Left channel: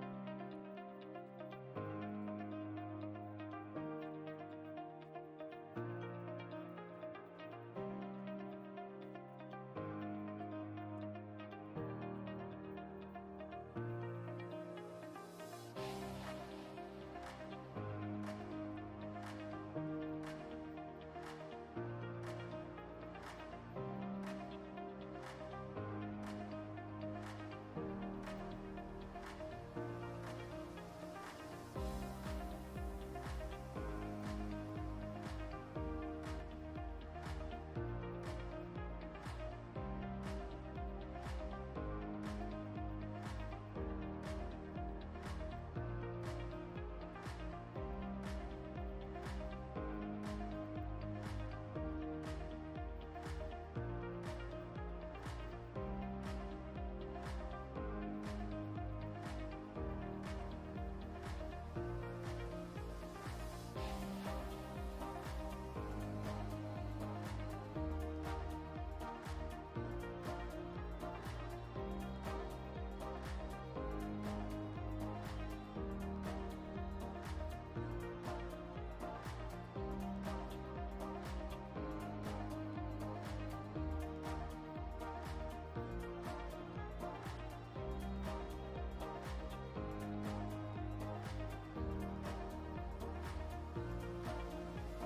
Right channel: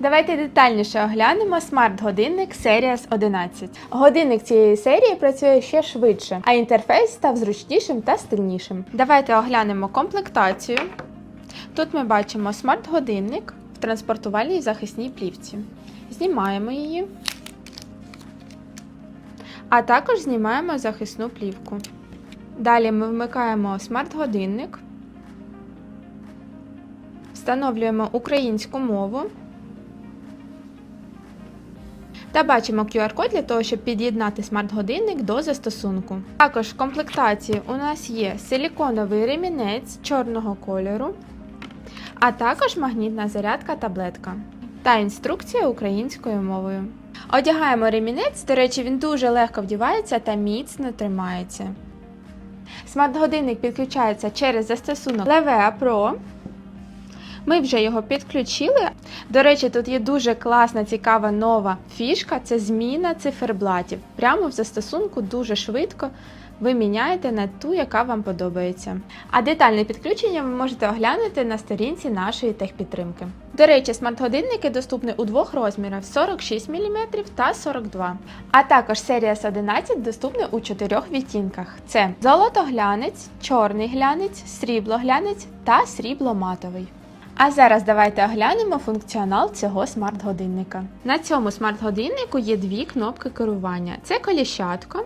Давайте детальніше оглянемо смарт-годинник Series 11. Годинник цієї серії працює ще швидше, а інтерфейс став зручнішим та стильнішим. Давайте оглянемо комплектацію. Тут ми бачимо смарт-годинник в транспортувальній захисній плівці. Знімаємо її, а також знімаємо захисну плівку. Далі ми вмикаємо смарт-годинник, встановлюємо українську мову та бачимо QR-код для того, щоб під'єднати смарт-годинник до застосунку. Також в комплектації у нас є силіконовий ремінець чорного кольору, а також магнітна зарядка таблетка та інструкція українською мовою. Одягаємо ремінець, до речі, він дуже легко вдівається та міцно тримається. Смарт-годинник підключається через застосунок Levea Pro. Ми вже його підключили. До речі, тут є дуже класна, цікава нова фішка це зміна циферблатів. Прямо в застосунку дуже швидко ви міняєте на ту, яка вам подобається. А детальне підключення ви можете оглянути на сторінці нашої техпідтримки. До речі, смарт-годинники доступні у двох розмірах 46 мм та 42 А також Series 11 доступна у чотирьох відтінках: це золотоглянець, чорний глянець, сріблоглянець та срібло-матовий. А зараз давайте оглянемо функціонал цього смарт-годинника. На цьому смарт-годиннику є дві кнопки керування: це коліщатко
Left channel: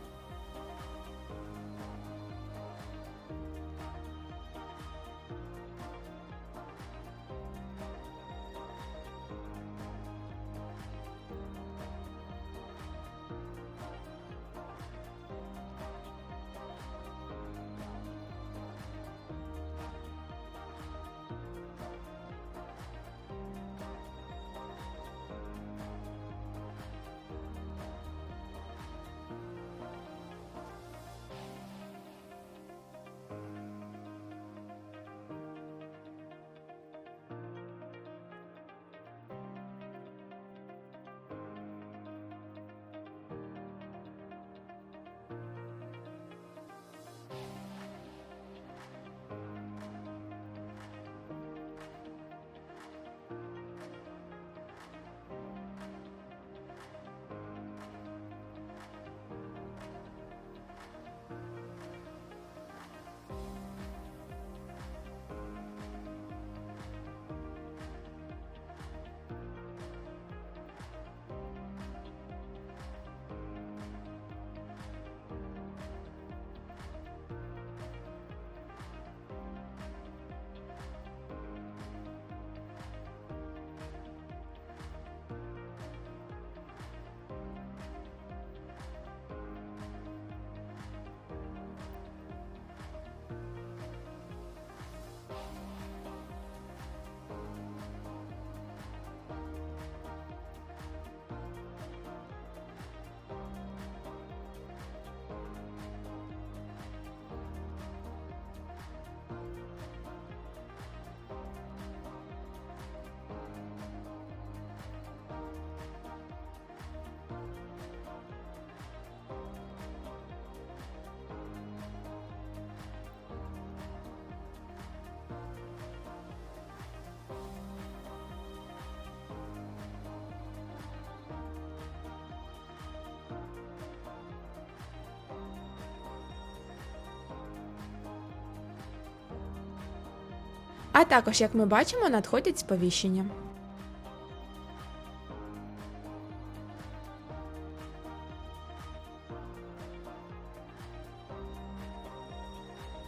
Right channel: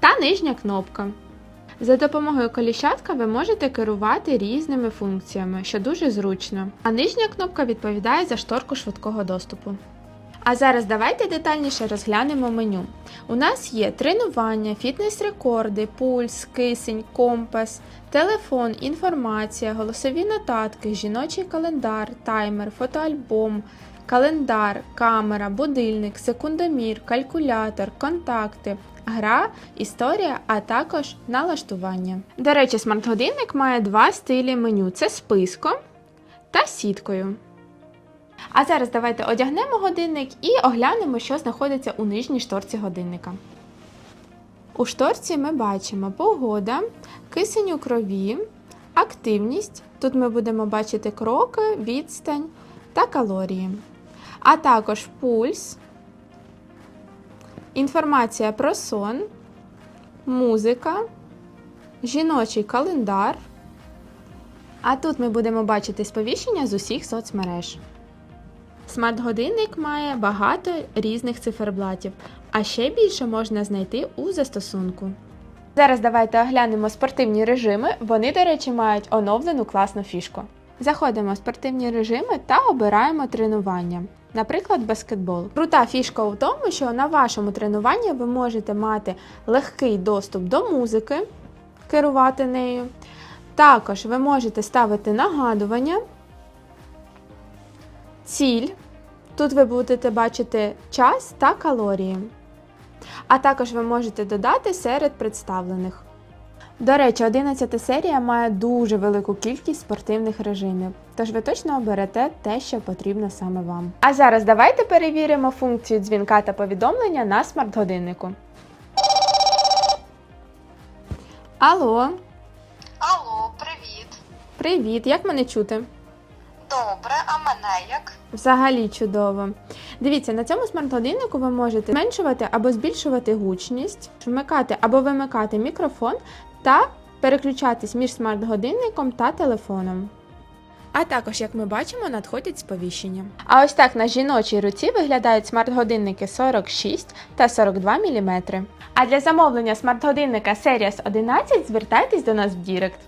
та нижня кнопка. За допомогою коліщатка ви можете керувати різними функціями, що дуже зручно. А нижня кнопка відповідає за шторку швидкого доступу. А зараз давайте детальніше розглянемо меню. У нас є тренування, фітнес-рекорди, пульс, кисень, компас, телефон, інформація, голосові нотатки, жіночий календар, таймер, фотоальбом, календар, камера, будильник, секундомір, калькулятор, контакти, гра, історія, а також налаштування. До речі, смарт-годинник має два стилі меню: це списком та сіткою. А зараз давайте одягнемо годинник і оглянемо, що знаходиться у нижній шторці годинника. У шторці ми бачимо погода, кисень у крові, активність. Тут ми будемо бачити кроки, відстань та калорії. А також пульс, інформація про сон, музика, жіночий календар. А тут ми будемо бачити сповіщення з усіх соцмереж. Смарт-годинник має багато різних циферблатів, а ще більше можна знайти у застосунку. Зараз давайте оглянемо спортивні режими. Вони, до речі, мають оновлену класну фішку. Заходимо в спортивні режими та обираємо тренування, наприклад, баскетбол. Крута фішка у тому, що на вашому тренуванні ви можете мати легкий доступ до музики, керувати нею. Також ви можете ставити нагадування, ціль. Тут ви будете бачити час та калорії. А також ви можете додати серед представлених. До речі, 11 серія має дуже велику кількість спортивних режимів, тож ви точно оберете те, що потрібно саме вам. А зараз давайте перевіримо функцію дзвінка та повідомлення на смарт-годиннику. Алло, Алло, привіт. привіт! Як мене чути? Добре, а мене як? Взагалі чудово. Дивіться, на цьому смарт-годиннику ви можете зменшувати або збільшувати гучність, вмикати або вимикати мікрофон та переключатись між смарт-годинником та телефоном. А також, як ми бачимо, надходять сповіщення. А ось так на жіночій руці виглядають смарт-годинники 46 та 42 мм. А для замовлення смарт-годинника Series 11 звертайтесь до нас в Дірект.